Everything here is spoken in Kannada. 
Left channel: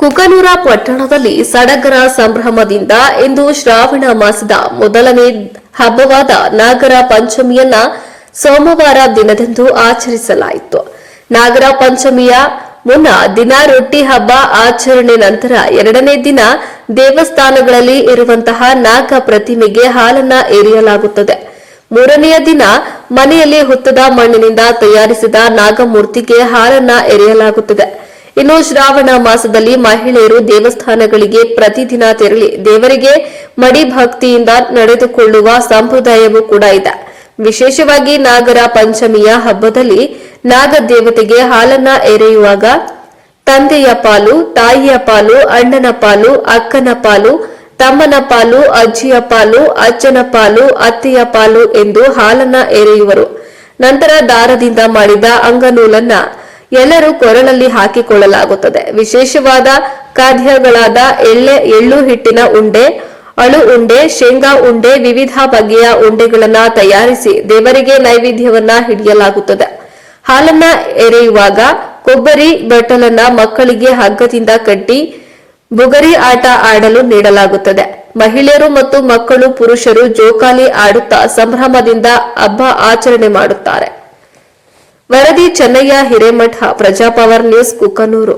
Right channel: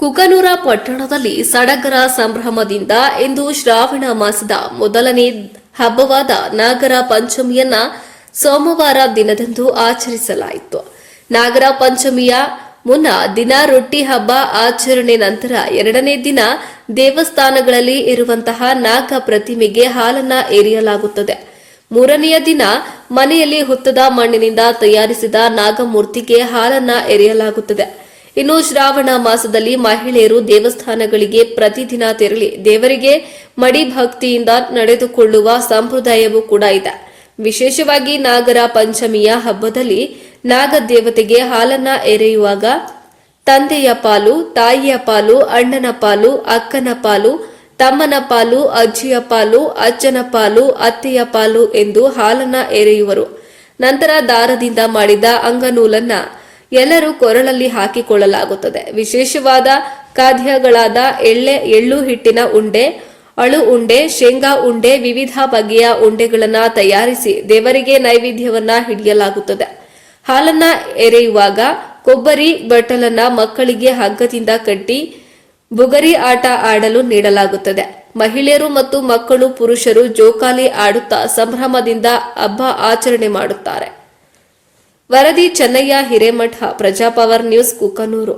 ಕುಕನೂರ ಪಟ್ಟಣದಲ್ಲಿ ಸಡಗರ ಸಂಭ್ರಮದಿಂದ ಇಂದು ಶ್ರಾವಣ ಮಾಸದ ಮೊದಲನೇ ಹಬ್ಬವಾದ ನಾಗರ ಪಂಚಮಿಯನ್ನ ಸೋಮವಾರ ದಿನದಂದು ಆಚರಿಸಲಾಯಿತು. ನಾಗರ ಪಂಚಮಿಯ ಮುನ್ನ ದಿನ ರೊಟ್ಟಿ ಹಬ್ಬ ಆಚರಣೆ ನಂತರ ಎರಡನೇ ದಿನ ದೇವಸ್ಥಾನಗಳಲ್ಲಿ ಇರುವಂತಹ ನಾಗ ಪ್ರತಿಮೆಗೆ ಹಾಲನ್ನ ಎರೆಯಲಾಗುತ್ತದೆ. ಮೂರನೆಯ ದಿನ ಮನೆಯಲ್ಲಿ ಹುತ್ತದ ಮಣ್ಣಿನಿಂದ ತಯಾರಿಸಿದ ನಾಗಮೂರ್ತಿಗೆ ಹಾಲನ್ನ ಎರೆಯಲಾಗುತ್ತದೆ. ಇನ್ನು ಶ್ರಾವಣ ಮಾಸದಲ್ಲಿ ಮಹಿಳೆಯರು ದೇವಸ್ಥಾನಗಳಿಗೆ ಪ್ರತಿದಿನ ತೆರಳಿ ದೇವರಿಗೆ ಮಡಿ ಭಕ್ತಿಯಿಂದ ನಡೆದುಕೊಳ್ಳುವ ಸಂಪ್ರದಾಯವೂ ಕೂಡ ಇದೆ. ವಿಶೇಷವಾಗಿ ನಾಗರ ಪಂಚಮಿಯ ಹಬ್ಬದಲ್ಲಿ ನಾಗ ದೇವತೆಗೆ ಹಾಲನ್ನ ಎರೆಯುವಾಗ ತಂದೆಯ ಪಾಲು, ತಾಯಿಯ ಪಾಲು, ಅಣ್ಣನ ಪಾಲು, ಅಕ್ಕನ ಪಾಲು, ತಮ್ಮನ ಪಾಲು, ಅಜ್ಜಿಯ ಪಾಲು ಅಜ್ಜನ ಪಾಲು, ಅತ್ತೆಯ ಪಾಲು ಎಂದು ಹಾಲನ್ನ ಎರೆಯುವರು. ನಂತರ ದಾರದಿಂದ ಮಾಡಿದ ಅಂಗನೂಲನ್ನ ಎಲ್ಲರೂ ಕೊರಳಲ್ಲಿ ಹಾಕಿಕೊಳ್ಳಲಾಗುತ್ತದೆ. ವಿಶೇಷವಾದ ಖಾದ್ಯಗಳಾದ ಎಳ್ಳೆ, ಎಳ್ಳು ಹಿಟ್ಟಿನ ಉಂಡೆ, ಅಳು ಉಂಡೆ, ಶೇಂಗಾ ಉಂಡೆ, ವಿವಿಧ ಬಗೆಯ ಉಂಡೆಗಳನ್ನ ತಯಾರಿಸಿ ದೇವರಿಗೆ ನೈವೇದ್ಯವನ್ನ ಹಿಡಿಯಲಾಗುತ್ತದೆ. ಹಾಲನ್ನ ಎರೆಯುವಾಗ ಕೊಬ್ಬರಿ ಬಟ್ಟಲನ್ನ ಮಕ್ಕಳಿಗೆ ಹಗ್ಗದಿಂದ ಕಟ್ಟಿ ಬುಗರಿ ಆಟ ಆಡಲು ನೀಡಲಾಗುತ್ತದೆ. ಮಹಿಳೆಯರು ಮತ್ತು ಮಕ್ಕಳು ಪುರುಷರು ಜೋಕಾಲಿ ಆಡುತ್ತಾ ಸಂಭ್ರಮದಿಂದ ಹಬ್ಬ ಆಚರಣೆ ಮಾಡುತ್ತಾರೆ. ವರದಿ ಚೆನ್ನಯ್ಯ ಹಿರೇಮಠ ಪ್ರಜಾಪವರ್ ನ್ಯೂಸ್ ಕುಕನೂರು.